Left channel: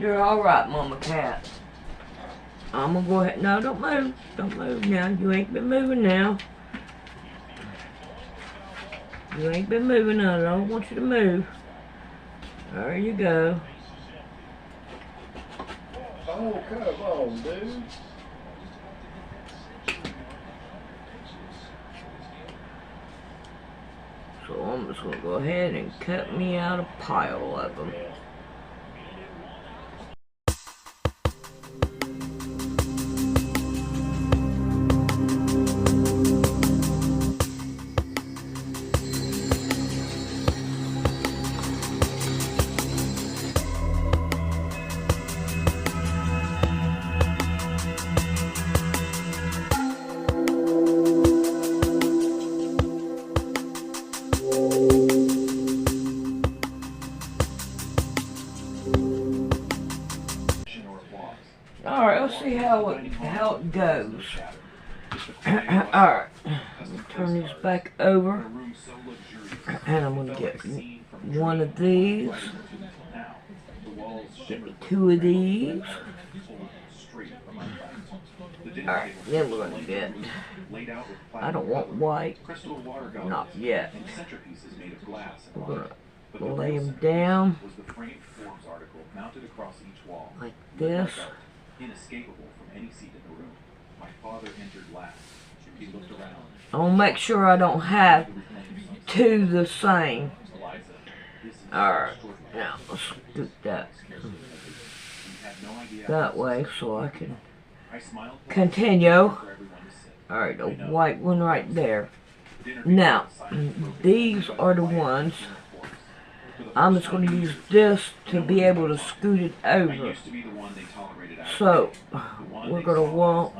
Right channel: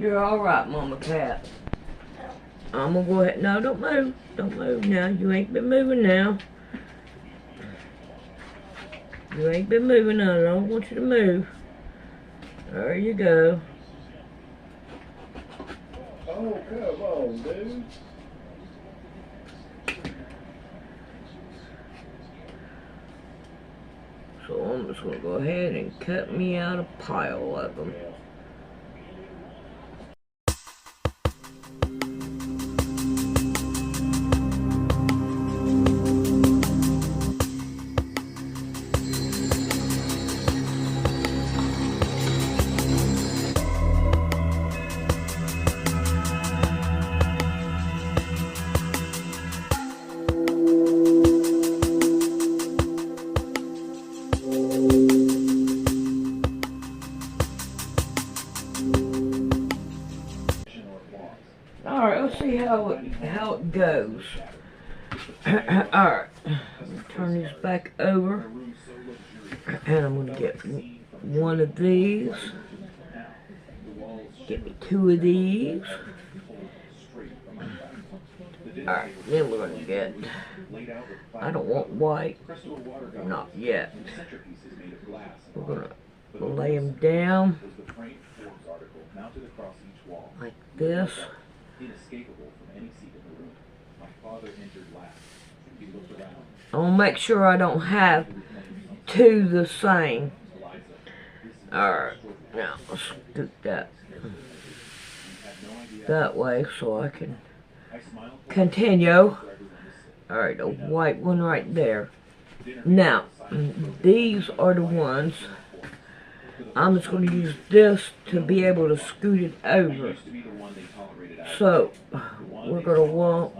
You're alright, Mama Cat. I'm gonna go ahead. No, don't move. Don't move now. You ain't been moving now. You ain't been moving now. I don't want you to move. There you go. Oh, come on, dude. So I'm just gonna go ahead and cut me out a pile of them. Alright, let's see how it goes. Alright, turn these back over. And I'm going to get one of these. Get me two of these. Alright, then we're going to get... I don't want white. Not yet. We're going to lay them down. Like this. I want to make sure I don't have two the same. Alright, now let's scoot that way so I can continue. Alright, the white one right there. Now, these are the ones. I'm just going to use this to be able to scoot it over. So, we're going to want,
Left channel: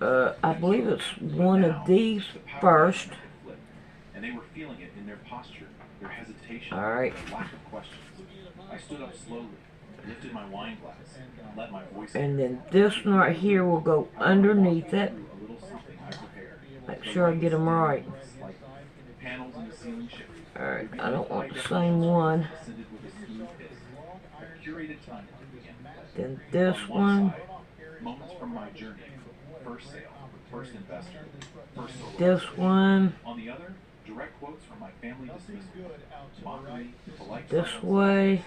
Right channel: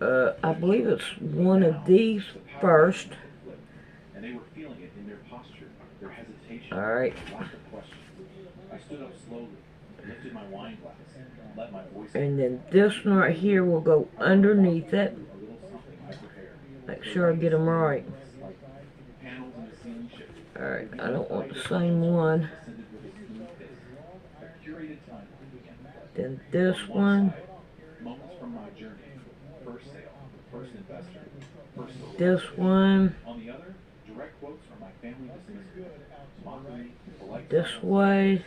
I believe it's one of these first. Alright. And then this one right here will go underneath it. Make sure I get them right. Alright, I don't want the same one. Then this one. This one. This way.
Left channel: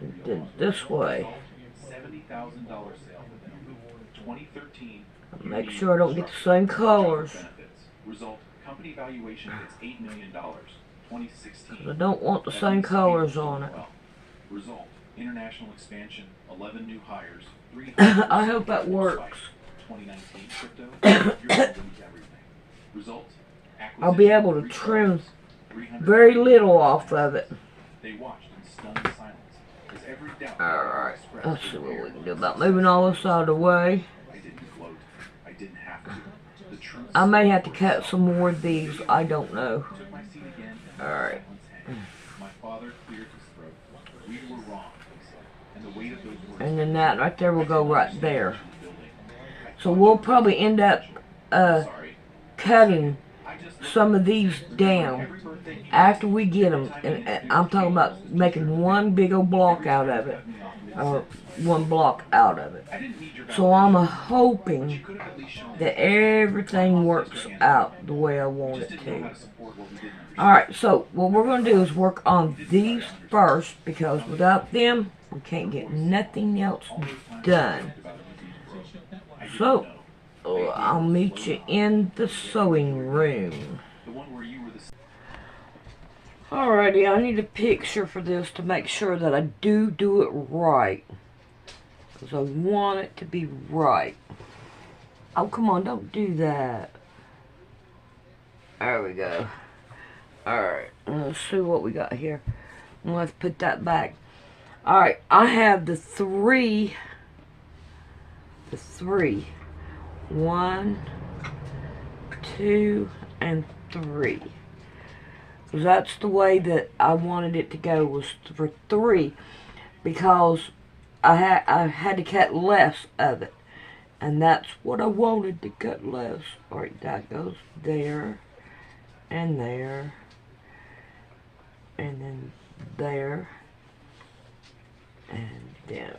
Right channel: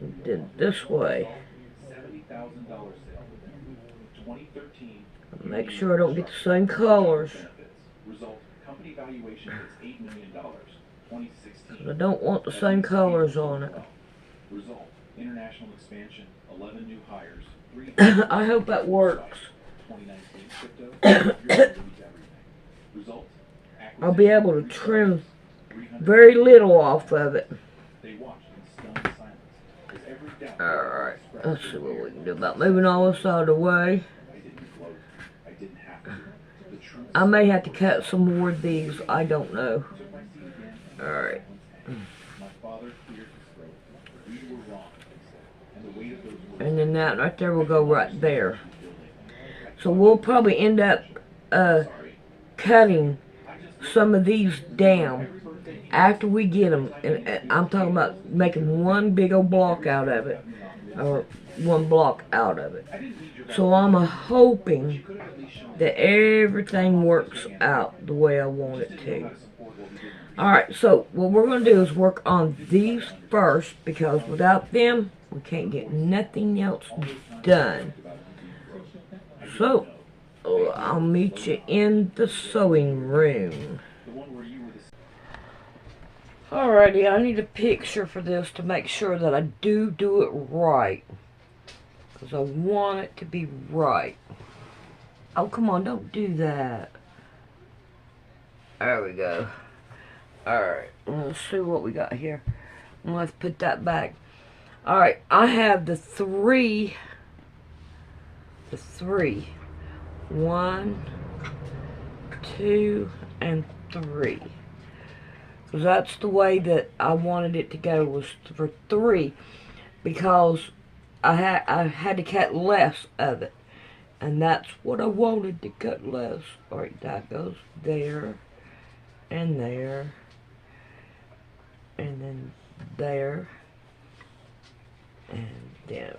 And then this way. Make sure I don't get the same colors. I don't want the same colors on it. International expansion, 11 new hires. I hope that works. I'll be able to trim very little off of it. Alright, let's see what we can do about moving all this out of the way. I may have to cut some more of these, I don't know. Alright. And then that right there will go right there. So we'll probably end up cutting some of these down after we get them. And I'm talking about making one big old block out of it. Or one block out of it. So I'm hoping that everything works out the way I want it to. Alright, so what we're going to do is work on these first, because without them, we can't get nothing else done. So, I'll meet you in the sewing room. Alrighty, I need a picture for this to make sure that I do it right. Because I want it to be right. Oh, come on, don't do that. There we go. Alright, let's see what we got here. Let's put that back. Alright, I have the three. 1, 2, and 3. That's the way that I wanted it to go, was for 3, because I had to cut less of it, and that's what I wanted to cut less. Alright, that goes there, and there, and then there, and then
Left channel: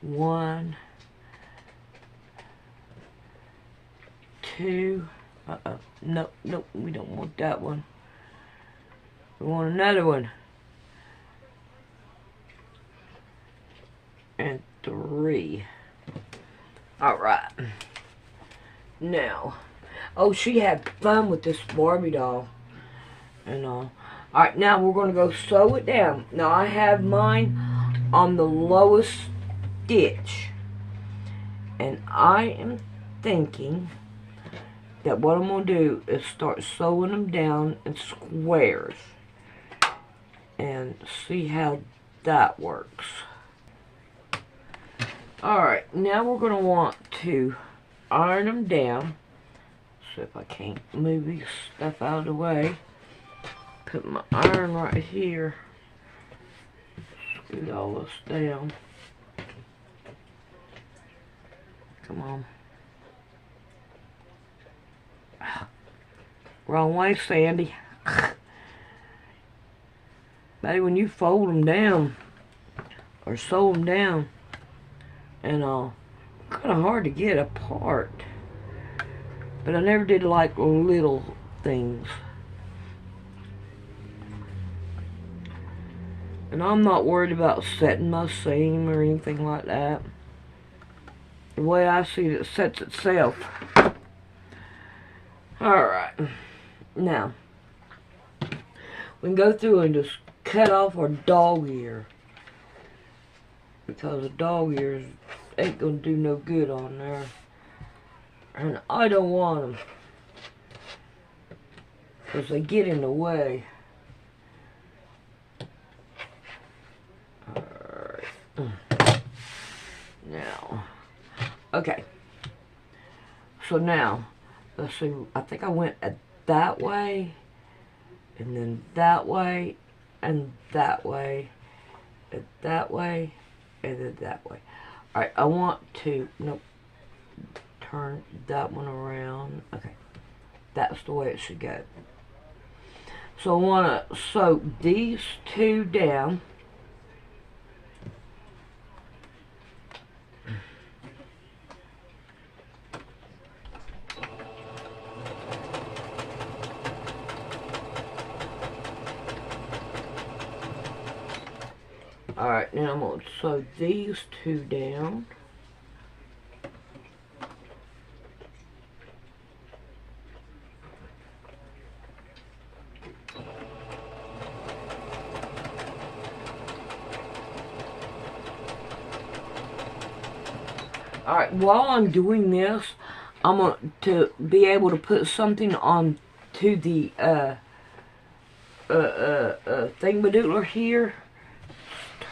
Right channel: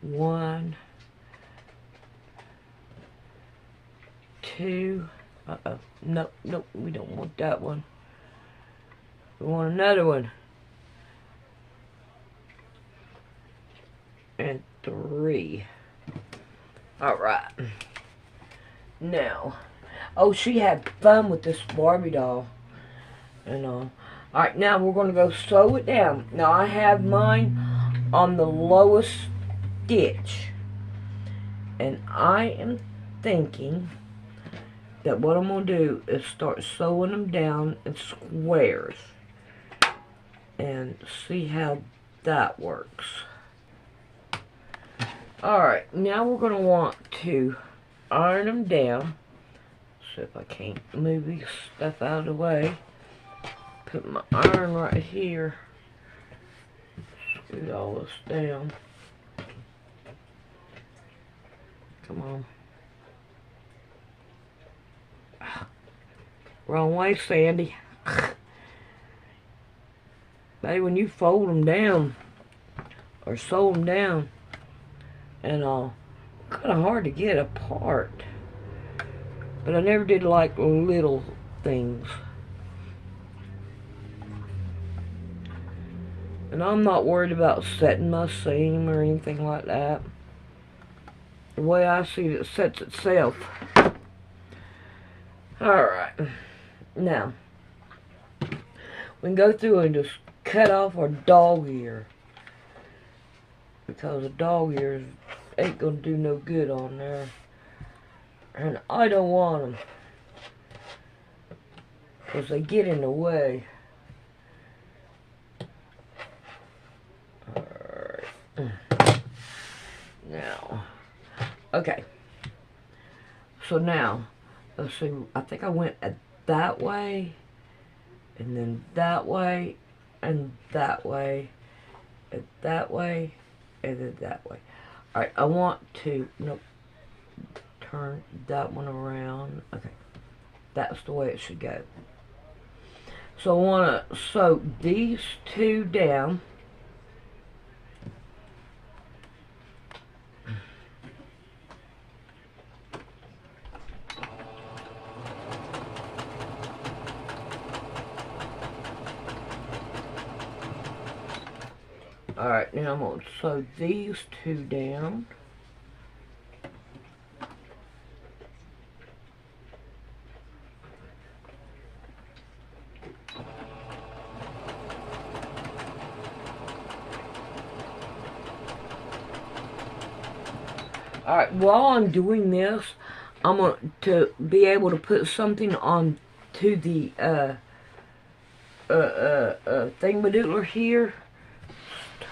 1, 2. Nope, we don't want that one. We want another one. And 3. Alright. Now, oh, she had fun with this Barbie doll. And all. Alright, now we're going to go sew it down. Now, I have mine on the lowest stitch. And I am thinking that what I'm going to do is start sewing them down in squares. And see how that works. Alright, now we're going to want to iron them down. See if I can't move this stuff out of the way. Put my iron right here. Scoot all this down. Come on. Wrong way, Sandy. Maybe when you fold them down or sew them down, and kind of hard to get apart. But I never did like little things. And I'm not worried about setting my seam or anything like that. The way I see it, it sets itself. Alright. Now, we can go through and just cut off our dog ear. Because the dog ears ain't gonna do no good on there. And I don't want them. Because they get in the way. Alright. Now. Okay. So now, let's see. I think I went that way. And then that way. And that way. And that way. And then that way. Alright, I want to, nope, turn that one around. Okay, that's the way it should go. So I want to sew these 2 down. Alright, now I'm going to sew these 2 down. Alright, while I'm doing this, I'm going to be able to put something on to the thingamadoodler here.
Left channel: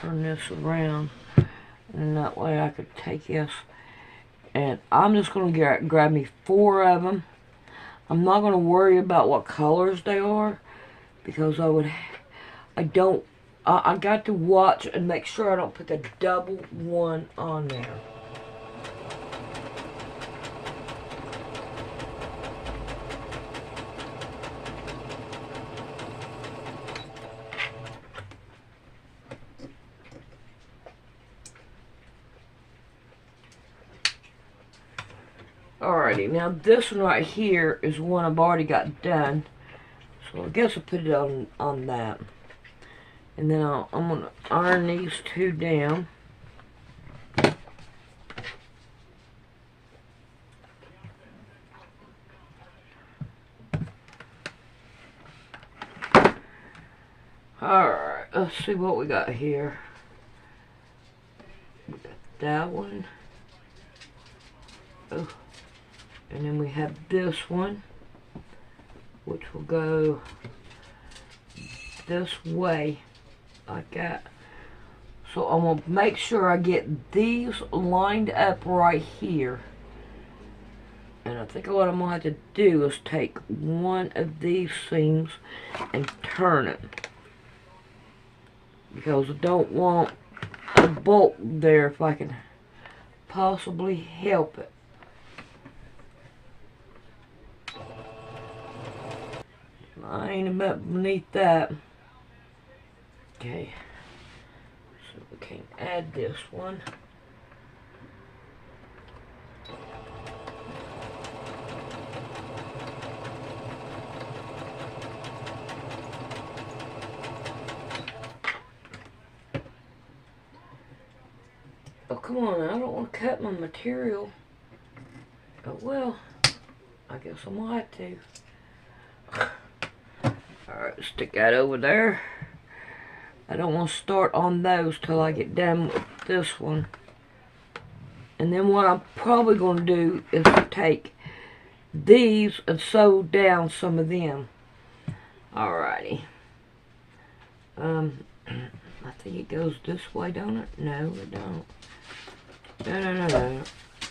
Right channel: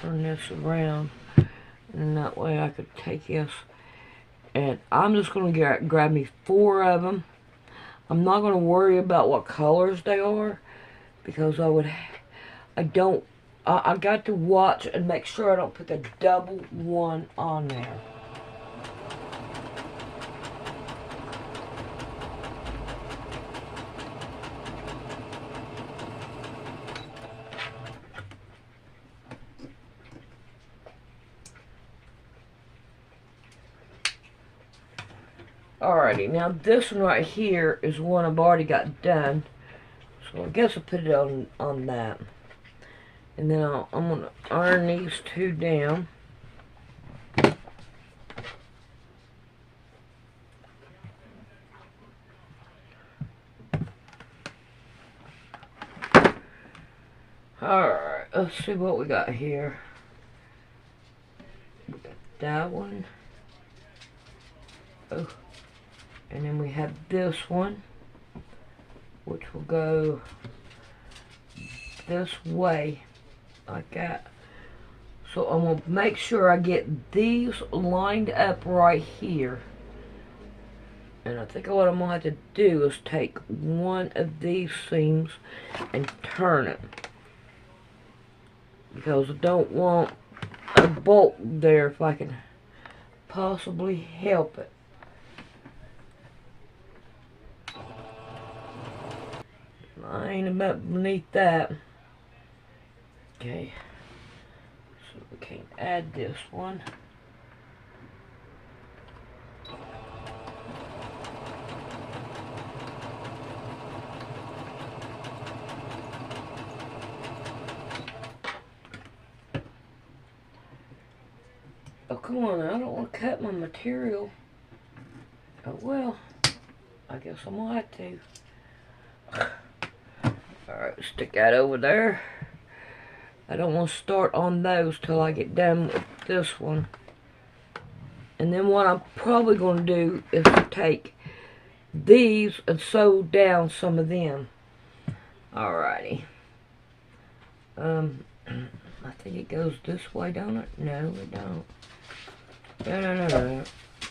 Turn this around, and that way I could take this, and I'm just going to grab me 4 of them. I'm not going to worry about what colors they are, because I got to watch and make sure I don't put the double one on there. Alrighty, now this one right here is one I've already got done. So I guess I'll put it on that. And then I'm going to iron these 2 down. Alright, let's see what we got here. We got that one. Oh. And then we have this one, which will go this way, like that. So I'm going to make sure I get these lined up right here. And I think what I'm going to have to do is take one of these seams and turn it. Because I don't want a bolt there if I can possibly help it. I ain't about beneath that. Okay, so we can add this one. Oh, come on, I don't want to cut my material. Oh, well, I guess I'm gonna have to. Alright, stick that over there. I don't want to start on those till I get done with this one. And then what I'm probably going to do is take these and sew down some of them. Alrighty. I think it goes this way, don't it? No, it don't. No.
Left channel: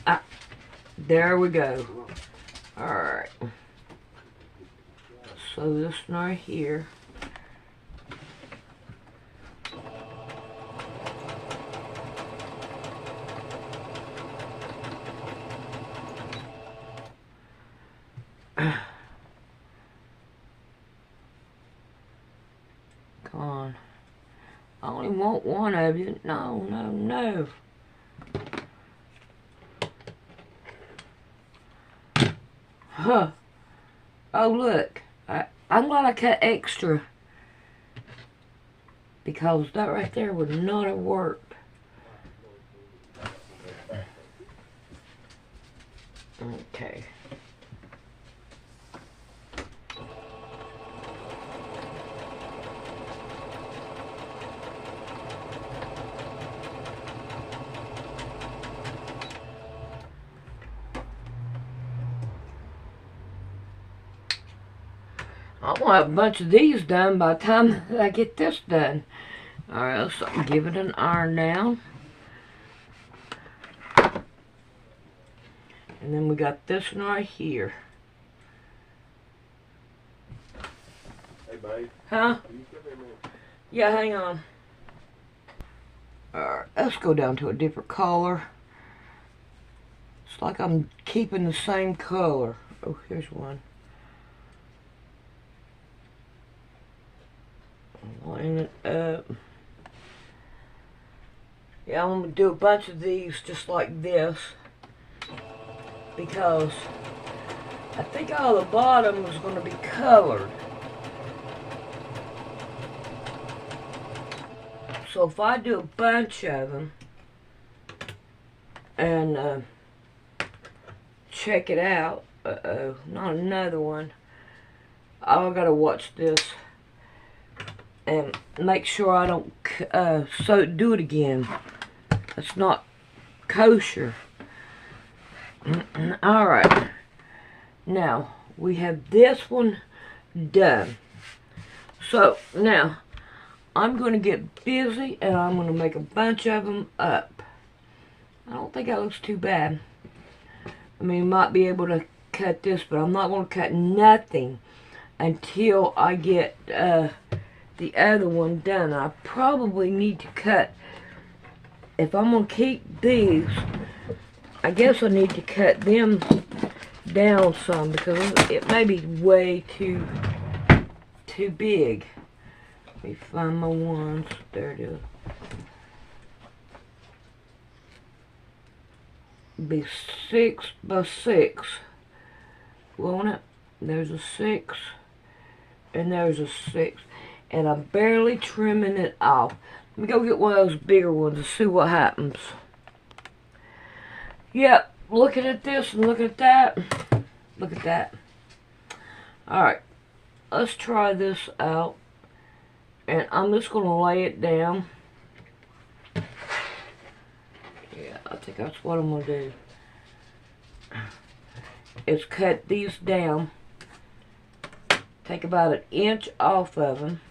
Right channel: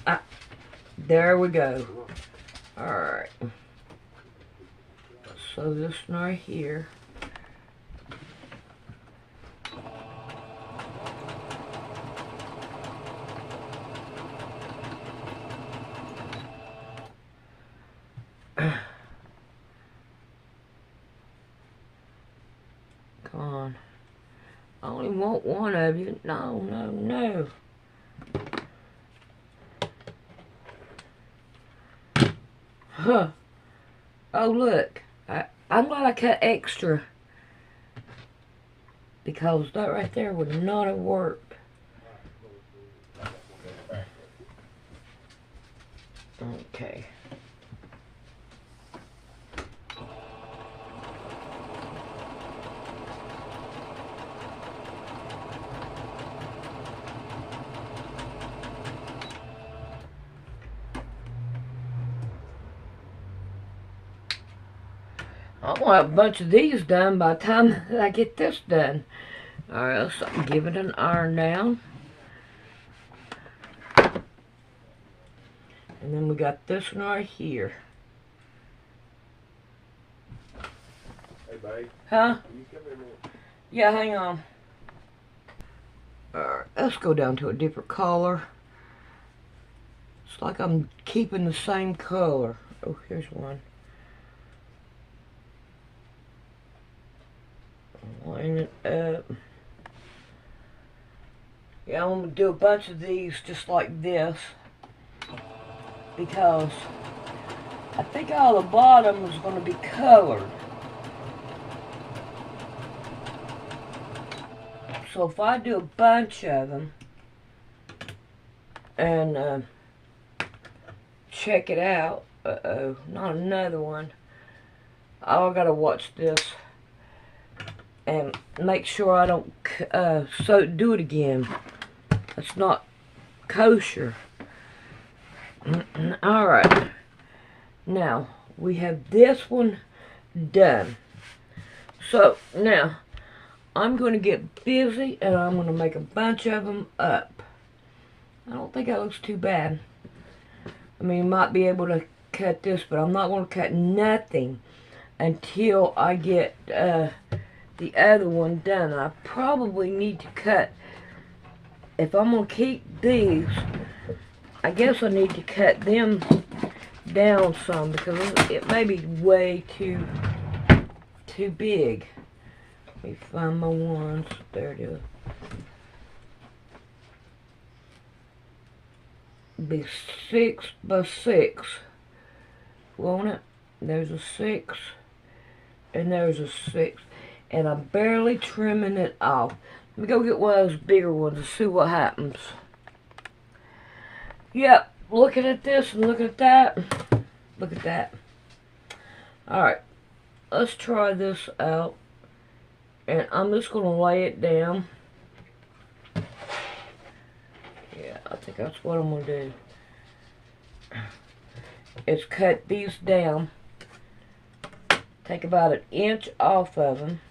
Ah, there we go. Alright. So this one right here. Come on. I only want one of you. No. Huh. Oh, look. I'm glad I cut extra. Because that right there would not have worked. Okay. I want to have a bunch of these done by the time I get this done. Alright, let's give it an iron down. And then we got this one right here. Hey, babe. Huh? Can you come in there? Yeah, hang on. Alright, let's go down to a different color. It's like I'm keeping the same color. Oh, here's one. Line it up. Yeah, I'm going to do a bunch of these just like this. Because I think all the bottom is going to be colored. So if I do a bunch of them and check it out, not another one. I gotta watch this and make sure I don't do it again. It's not kosher. Alright, now we have this one done. So now I'm going to get busy and I'm going to make a bunch of them up. I don't think that looks too bad. I mean, you might be able to cut this, but I'm not going to cut nothing until I get the other one done. I probably need to cut, if I'm going to keep these, I guess I need to cut them down some because it may be way too big. Let me find my ones. There it is. Be 6 by 6. Won't it? There's a 6 and there's a 6. And I'm barely trimming it off. Let me go get one of those bigger ones and see what happens. Yep, looking at this and looking at that. Look at that. Alright, let's try this out. And I'm just going to lay it down. Yeah, I think that's what I'm going to do. Is cut these down. Take about 1 inch off of them.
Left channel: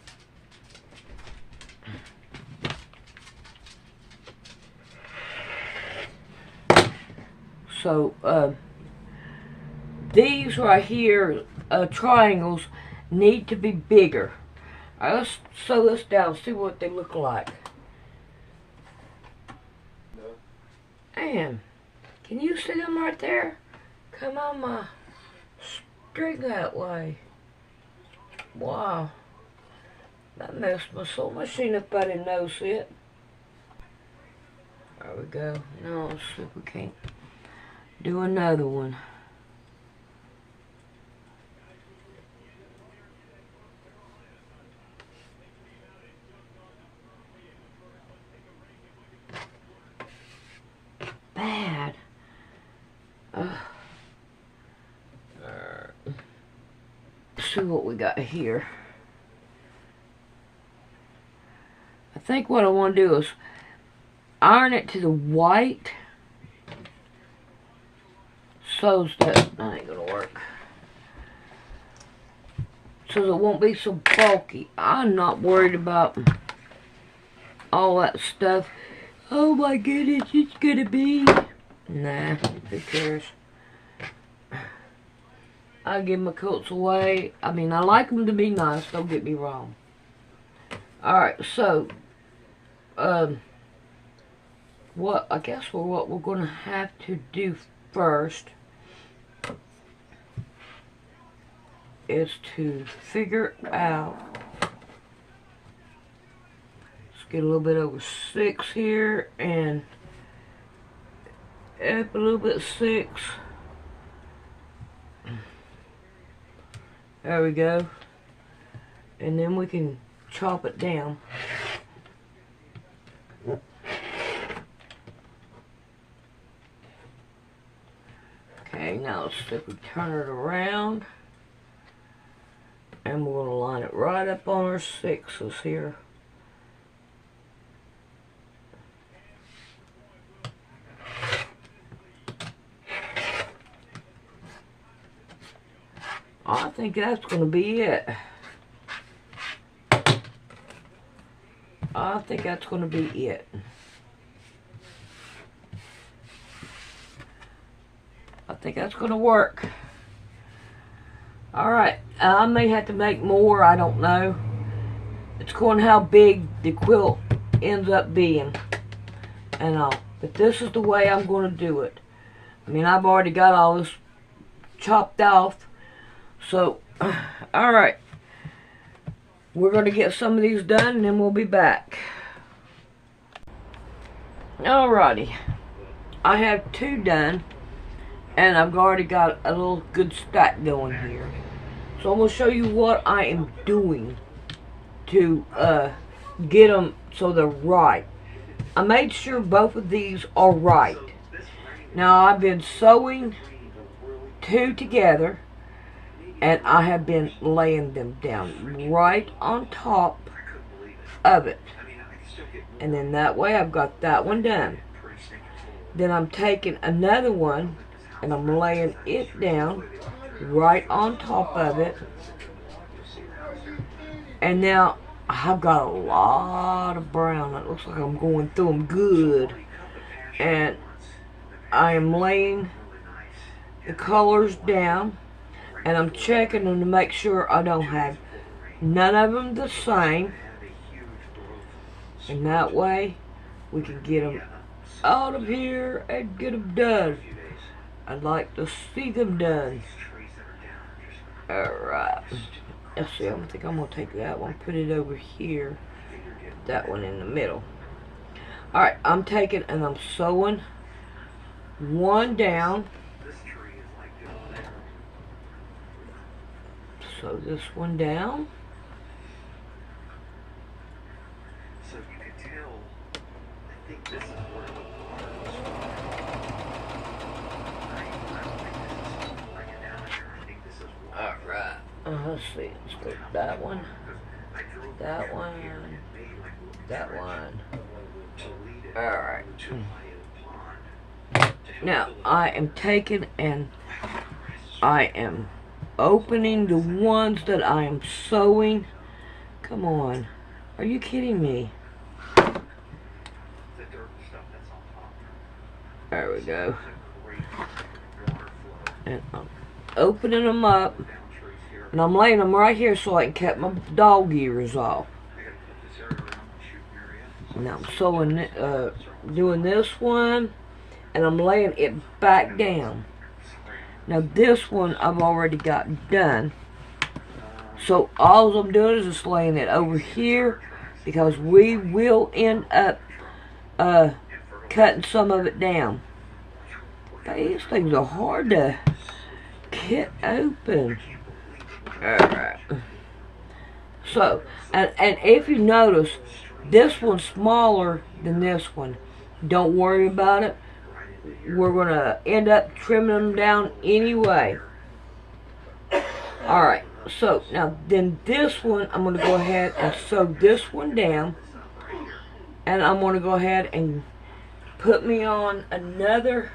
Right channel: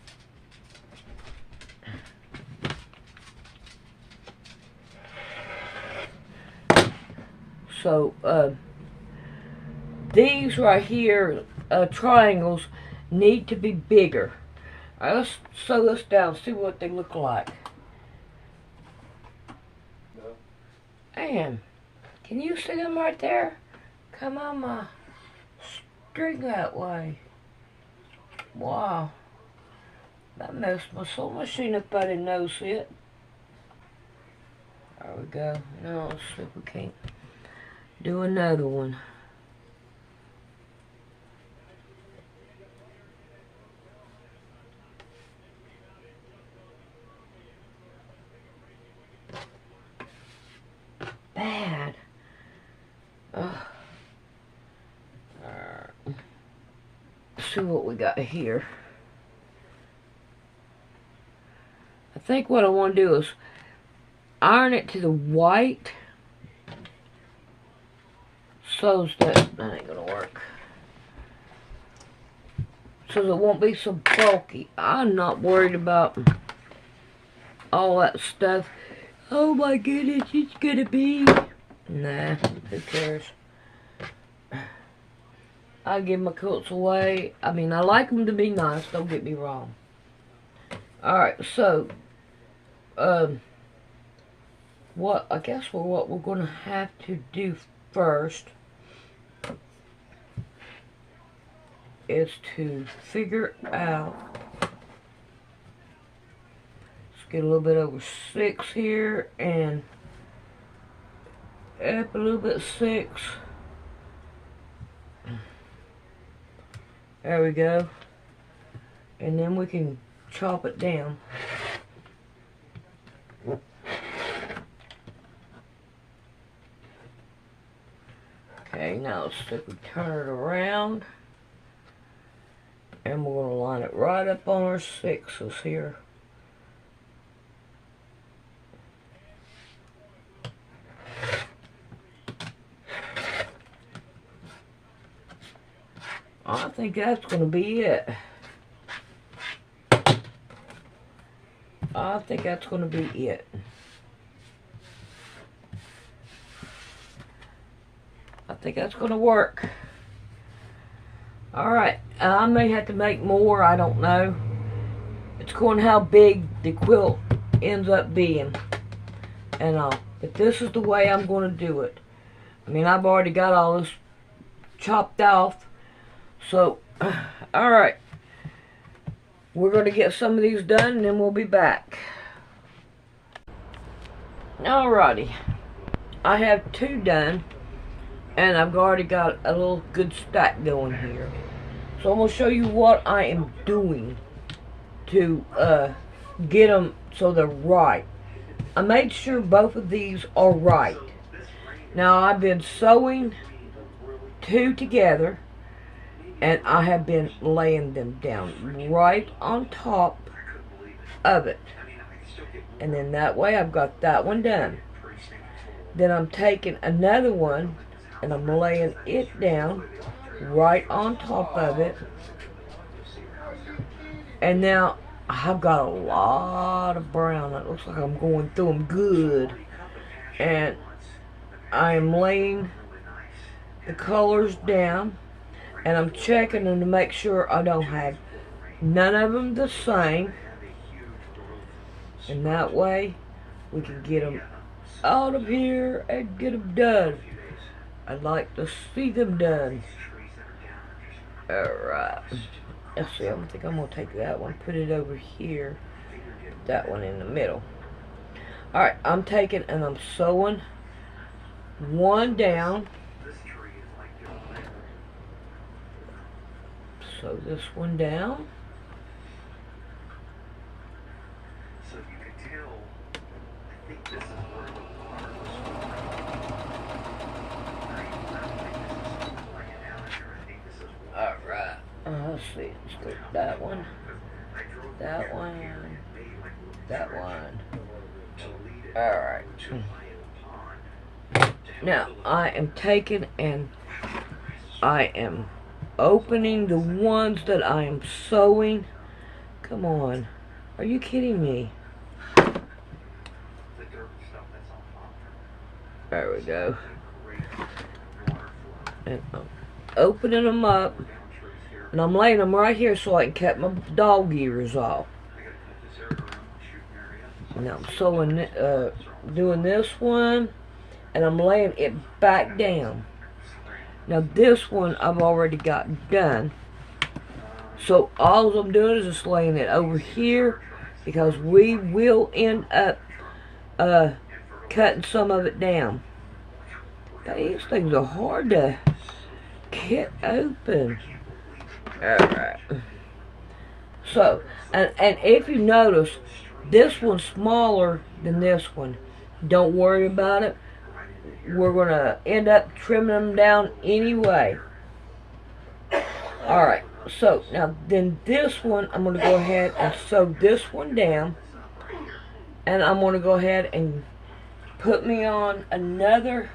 So, these right here, triangles, need to be bigger. All right, let's sew this down, see what they look like. No. Man, can you see them right there? Come on, my string that way. Wow. That messed my sewing machine up. I didn't notice it. There we go. Now let's see if we can't do another one. Bad. Let's see what we got here. I think what I want to do is iron it to the white so that ain't gonna work. So it won't be so bulky. I'm not worried about all that stuff. Oh my goodness, it's gonna be. Nah, who cares? I give my coats away. I mean, I like them to be nice, don't get me wrong. Alright, so, what we're gonna have to do first is to figure out, let's get a little bit over 6 here and up a little bit 6. There we go. And then we can chop it down. Okay, now let's turn it around. And we're going to line it right up on our 6s here. I think that's going to be it. I think that's going to be it. I think that's going to work. Alright, I may have to make more, I don't know. It's going how big the quilt ends up being and all. But this is the way I'm going to do it. I mean, I've already got all this chopped off. So, alright. We're going to get some of these done and then we'll be back. Alrighty. I have 2 done. And I've already got a little good stack going here. So I'm going to show you what I am doing to get them so they're right. I made sure both of these are right. Now I've been sewing 2 together. And I have been laying them down right on top of it. And then that way I've got that one done. Then I'm taking another one and I'm laying it down right on top of it. And now I've got a lot of brown. It looks like I'm going through them good. And I am laying the colors down. And I'm checking them to make sure I don't have none of them the same. And that way, we can get them out of here and get them done. I'd like to see them done. Alright. Let's see, I think I'm going to take that one, put it over here. Put that one in the middle. Alright, I'm taking and I'm sewing one down. Sew this one down. So you can tell, I think this is alright. Let's see. Let's go with that one. That one. That one. Alright. Now I am taking and I am opening the ones that I am sewing. Come on. Are you kidding me? There we go. And I'm opening them up. And I'm laying them right here so I can cut my dog ears off. Now I'm sewing, doing this one. And I'm laying it back down. Now this one I've already got done. So all I'm doing is just laying it over here because we will end up cutting some of it down. But these things are hard to get open. Alright. So, and if you notice, this one's smaller than this one. Don't worry about it. We're going to end up trimming them down anyway. Alright, so now then this one, I'm going to go ahead and sew this one down. And I'm going to go ahead and put me on another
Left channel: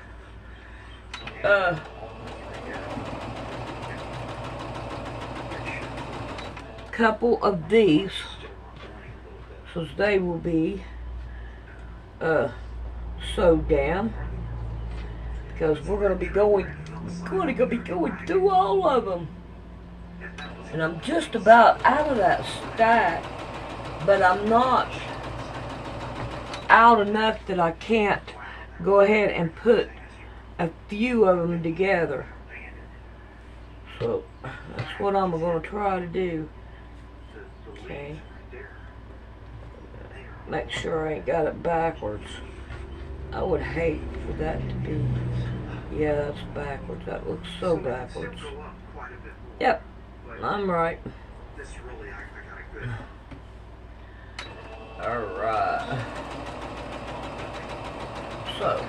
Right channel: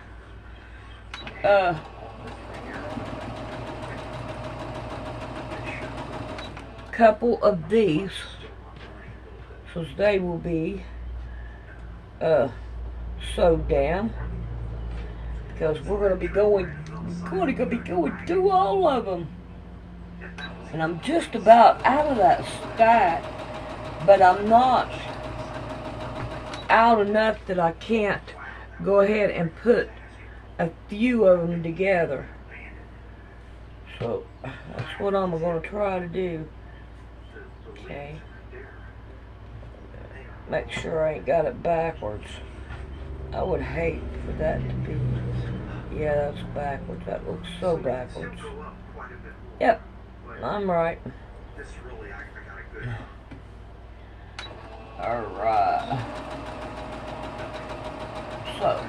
couple of these. So they will be sewed down. Because we're going to be going through all of them. And I'm just about out of that stack, but I'm not out enough that I can't go ahead and put a few of them together. So that's what I'm going to try to do. Okay. Make sure I ain't got it backwards. I would hate for that to be, yeah, that's backwards. That looks so backwards. Yep, I'm right. Alright. So,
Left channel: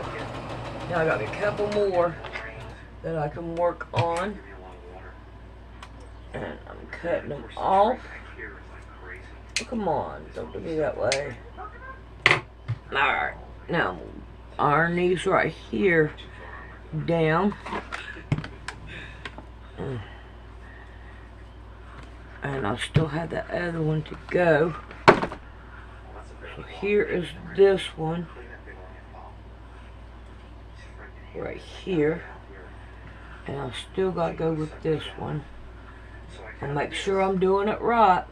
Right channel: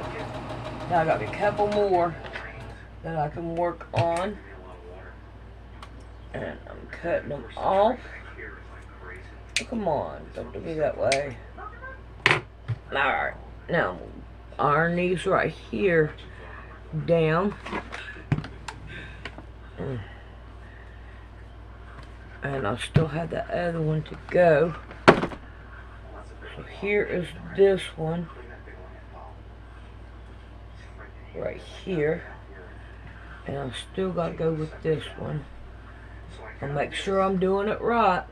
now I got a couple more that I can work on. And I'm cutting them off. Oh, come on, don't do me that way. Alright, now iron these right here down. And I still have the other one to go. So here is this one. Right here. And I still got to go with this one. I'll make sure I'm doing it right.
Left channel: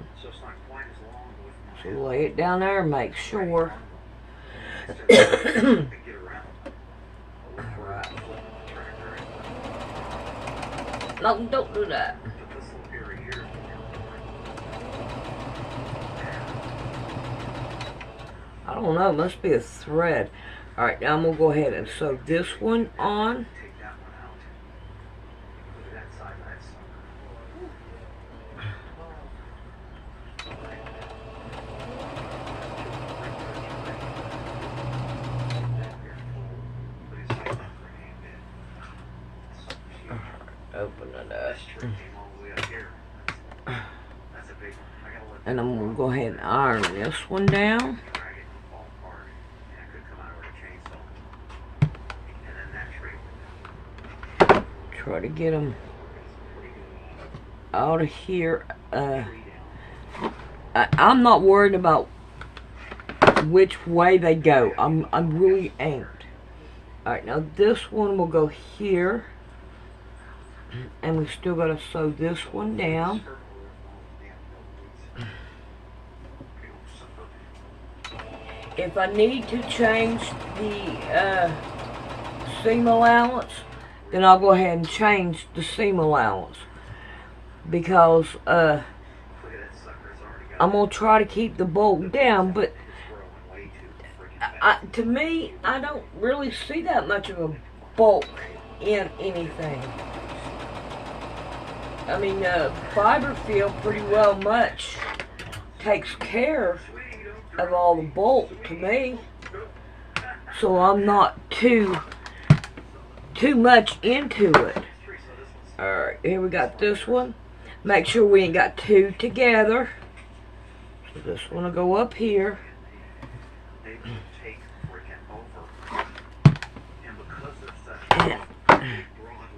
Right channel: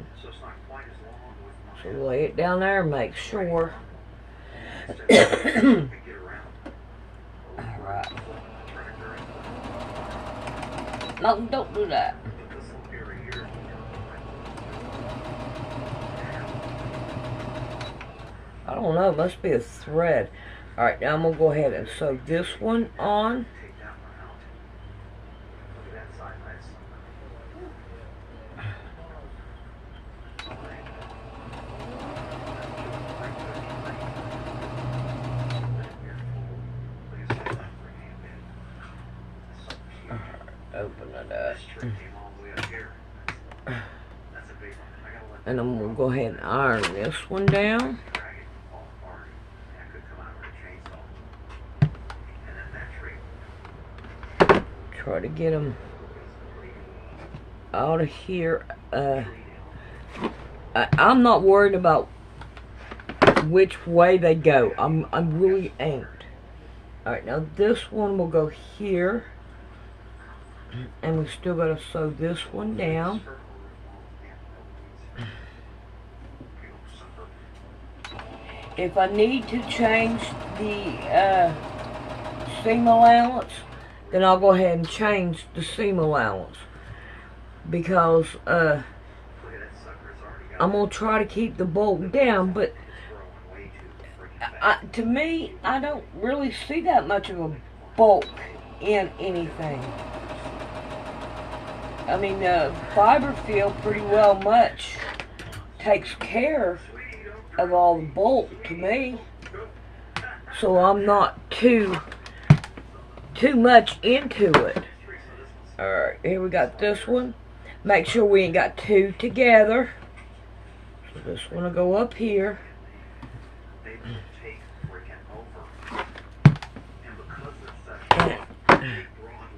So lay it down there and make sure. Alright. No, don't do that. I don't know, it must be a thread. Alright, now I'm going to go ahead and sew this one on. Open it up. And I'm going to go ahead and iron this one down. Try to get them out of here. I'm not worried about which way they go. I really ain't. Alright, now this one will go here. And we still got to sew this one down. If I need to change the seam allowance, then I'll go ahead and change the seam allowance. Because I'm going to try to keep the bolt down, but to me, I don't really see that much of a bulk in anything. I mean, fiber feel pretty well much takes care of all the bulk to me. So I'm not too much into it. Alright, here we got this one. Make sure we ain't got two together. So this one will go up here.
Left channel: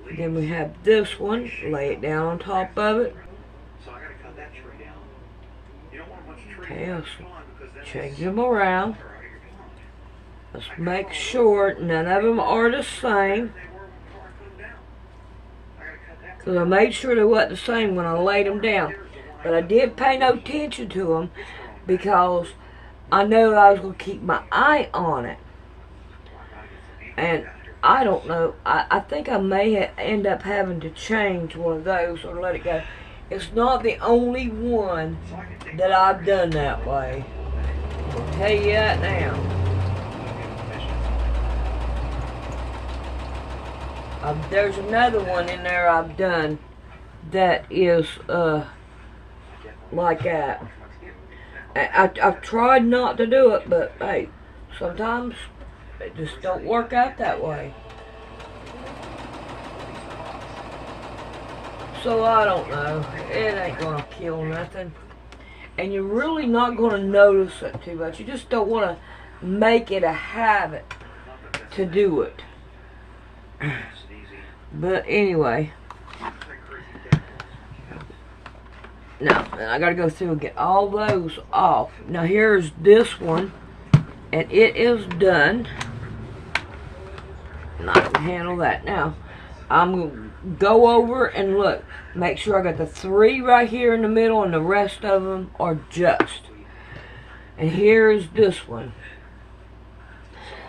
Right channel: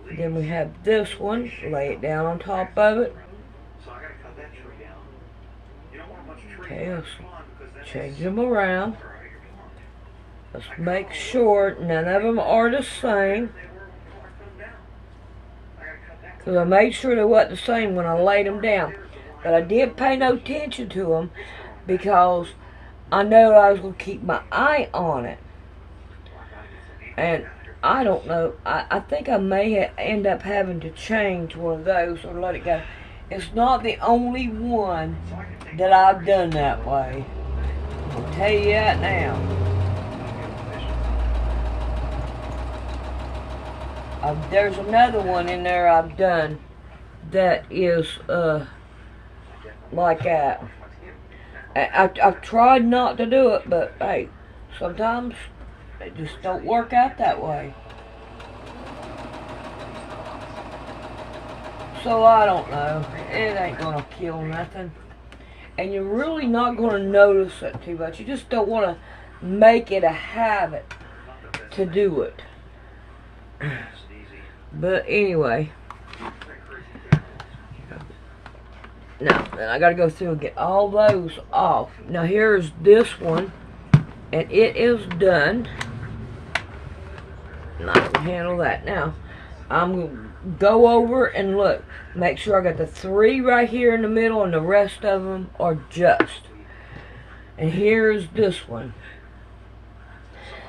And then we have this one. Lay it down on top of it. Okay, let's change them around. Let's make sure none of them are the same. Because I made sure they wasn't the same when I laid them down. But I did pay no attention to them because I know I was going to keep my eye on it. And I don't know. I think I may end up having to change one of those or let it go. it's not the only one that I've done that way. I'll tell you that now. There's another one in there I've done that is like that. I've tried not to do it, but hey, sometimes it just don't work out that way. So I don't know. It ain't gonna kill nothing. And you're really not gonna notice it too much. You just don't want to make it a habit to do it. But anyway, now then I gotta go through and get all those off. Now here's this one, and it is done. And I can handle that. Now I'm gonna go over and look, make sure I got the 3 right here in the middle, and the rest of them are just. And here's this one.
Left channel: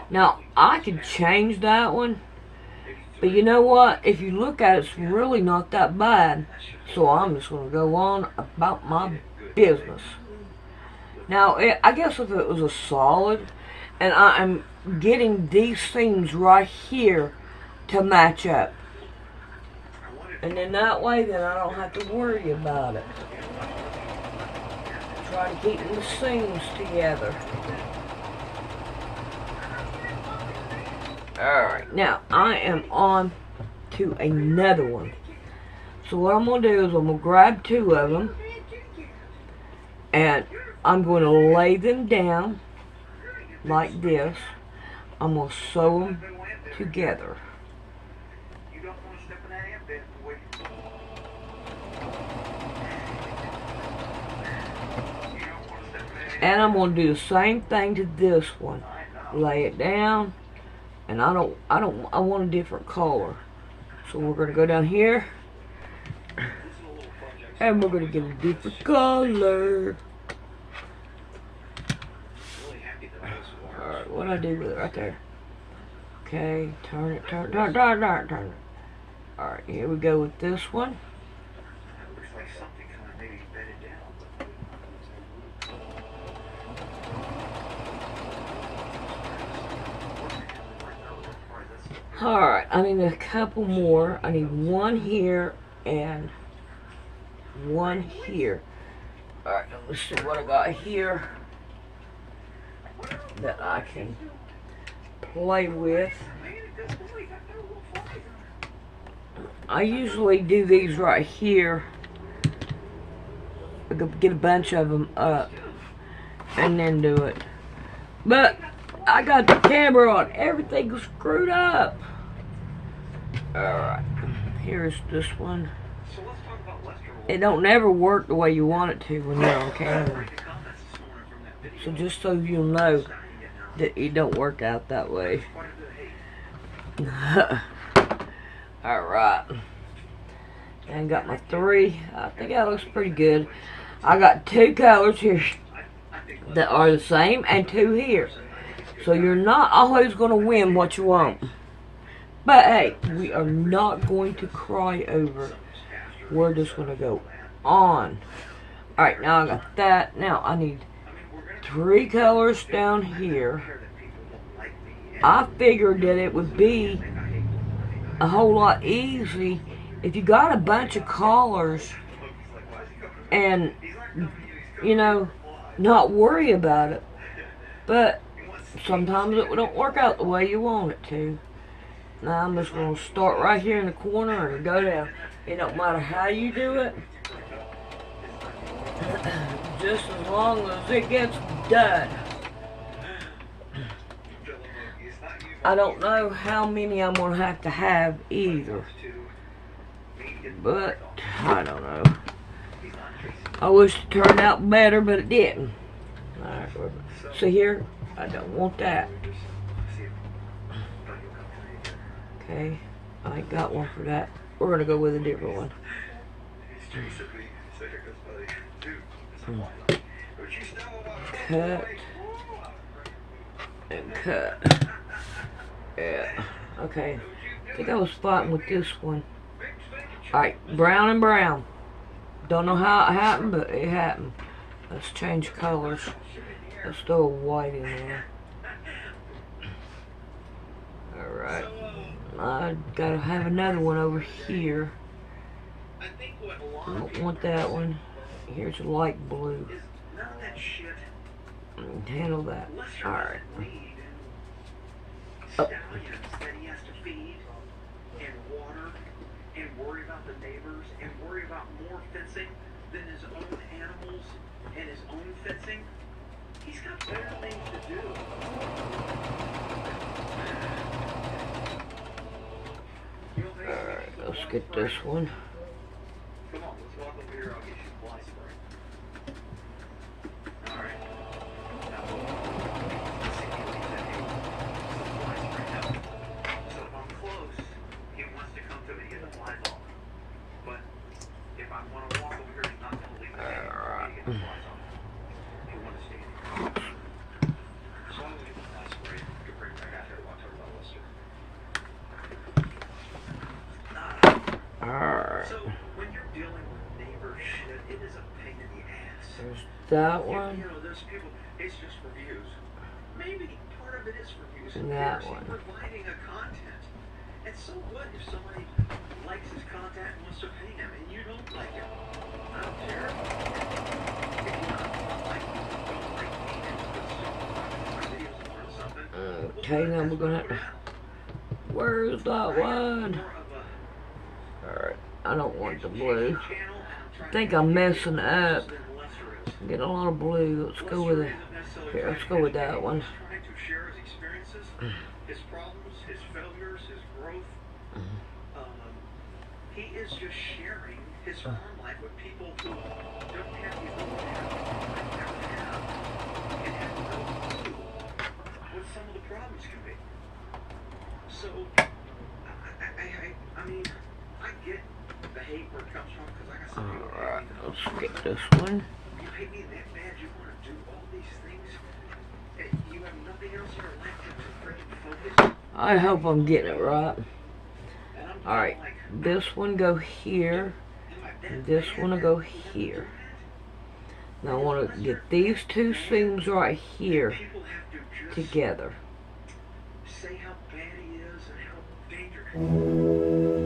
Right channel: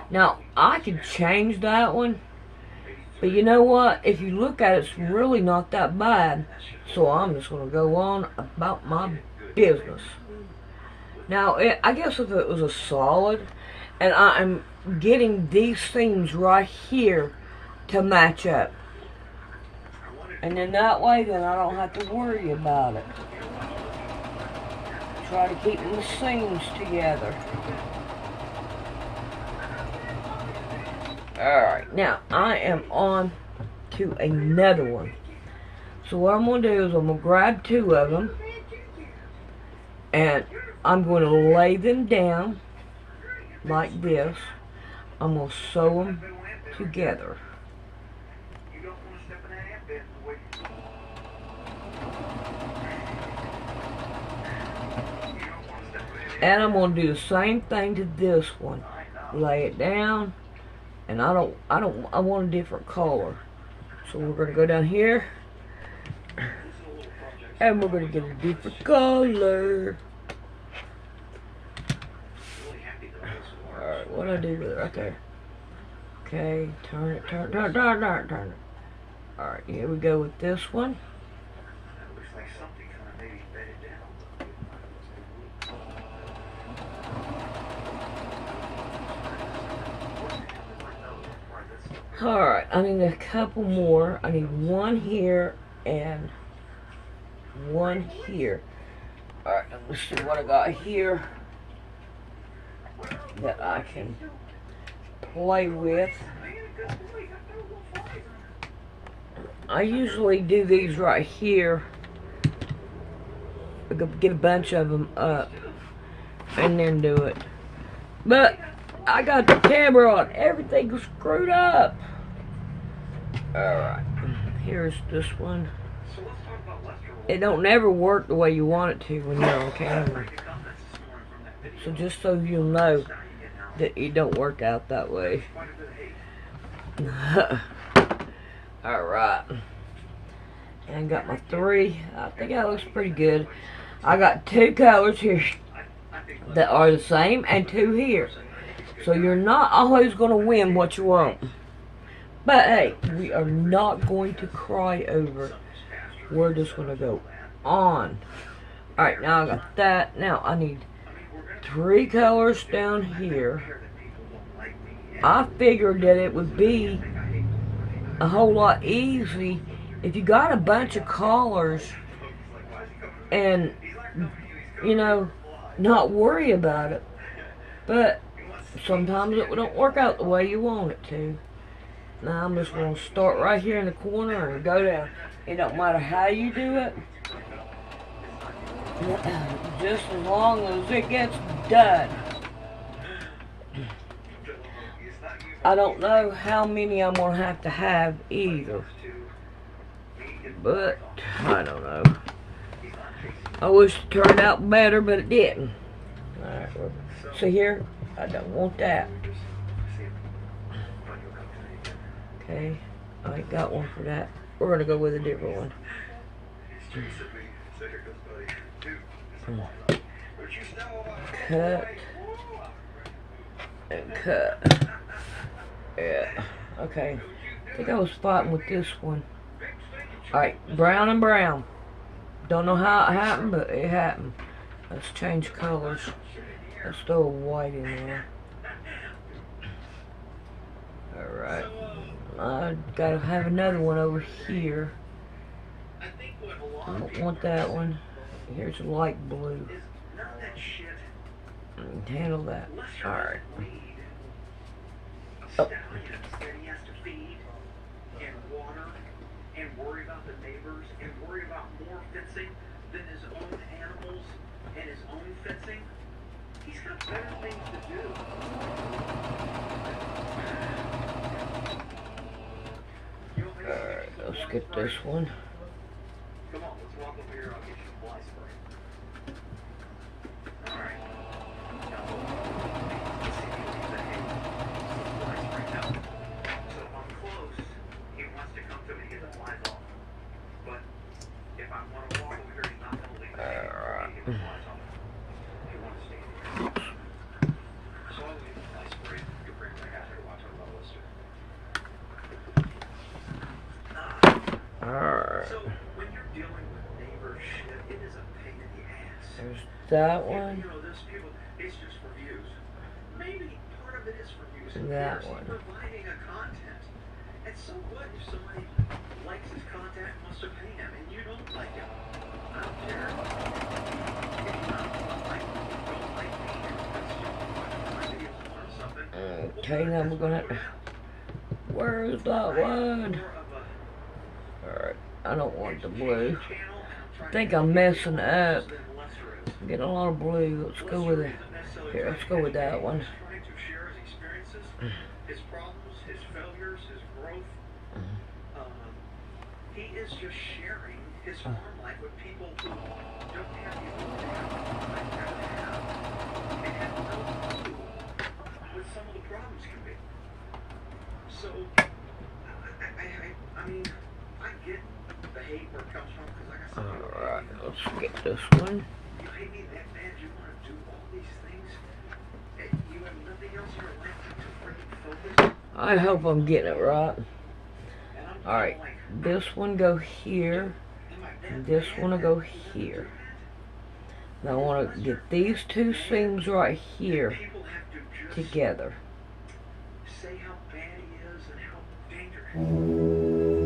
Now I could change that one. But you know what? If you look at it, it's really not that bad. So I'm just going to go on about my business. Now, I guess if it was a solid, and I'm getting these things right here to match up. And then that way, then I don't have to worry about it. Try to keep the seams together. Alright, now I am on to another one. So what I'm going to do is I'm going to grab 2 of them, and I'm going to lay them down like this. I'm going to sew them together. And I'm going to do the same thing to this one. Lay it down. And I want a different color. So we're going to go down here. And we're going to get a different color. Alright, what do I do with it? Right there. Okay, turn it. Alright, here we go with this one. Alright, I need a couple more. I need one here and one here. Alright, let's see what I got here that I can play with. I usually do these right here. Get a bunch of them up and then do it. But I got the camera on. Everything's screwed up. Alright, here's this one. It don't never work the way you want it to when you're on camera. So just so you'll know that it don't work out that way. Alright. And got my 3. I think that looks pretty good. I got 2 colors here that are the same and 2 here. So you're not always going to win what you want. But hey, we are not going to cry over. We're just going to go on. Alright, now I got that. Now I need 3 colors down here. I figured that it would be a whole lot easy if you got a bunch of colors and, you know, not worry about it. But sometimes it don't work out the way you want it to. Now I'm just going to start right here in the corner and go down. It don't matter how you do it, just as long as it gets done. I don't know how many I'm going to have either, but I don't know. I wish it turned out better, but it didn't. Alright, so here, I don't want that. Okay, I got one for that. We're going to go with a different one. Cut. And cut. Yeah. Okay. I think I was fighting with this one. Alright, brown and brown. Don't know how it happened, but it happened. Let's change colors. Let's throw a white in there. Alright. I gotta have another one over here. I don't want that one. Here's a light blue. Handle that. Alright. Oh. And worry about the neighbors and worry about more fencing than his own animals and his own fencing. He's got better things to do. Alright, let's get this one. Come on, let's walk over here. I'll get you some fly spray. Alright. So if I'm close, he wants to come to me and get the flies off. But if I want to walk over here, he's not going to leave the table for me to get the flies off. He wants to stay here. So I'll leave the fly spray. You can bring it back out here to watch over the lister. Alright. So when you're dealing with neighbor shit, it is a pain in the ass. There's that one. You know, those people, it's just for views. Maybe part of it is for views. And that He's one. providing a content. And so what if somebody likes his content and wants to pay him and you don't like him? I don't care. If you don't like me and start watching videos and learn something. Okay, now we're gonna have to. Where's that one? Alright, I don't want the blue. I think I'm messing up. I'm getting a lot of blue. Let's go with it. Here, let's go with that one. Trying to share his experiences, his problems, his failures, his growth. He is just sharing his farm life with people who don't have the ability to have and have no clue what some of the problems can be. So, I mean, I get the hate where it comes from because I got some people who Alright, hate me. let's get this one. You hate me that bad, you want to do all these things, and you have nothing else in your life to bring focus. I hope I'm getting it right. And I'm Alright, like, this one go here. am I And that this bad one will that go you have to do here. that? Now I want to get these two seams right here People have to just together. say how bad he is and how dangerous.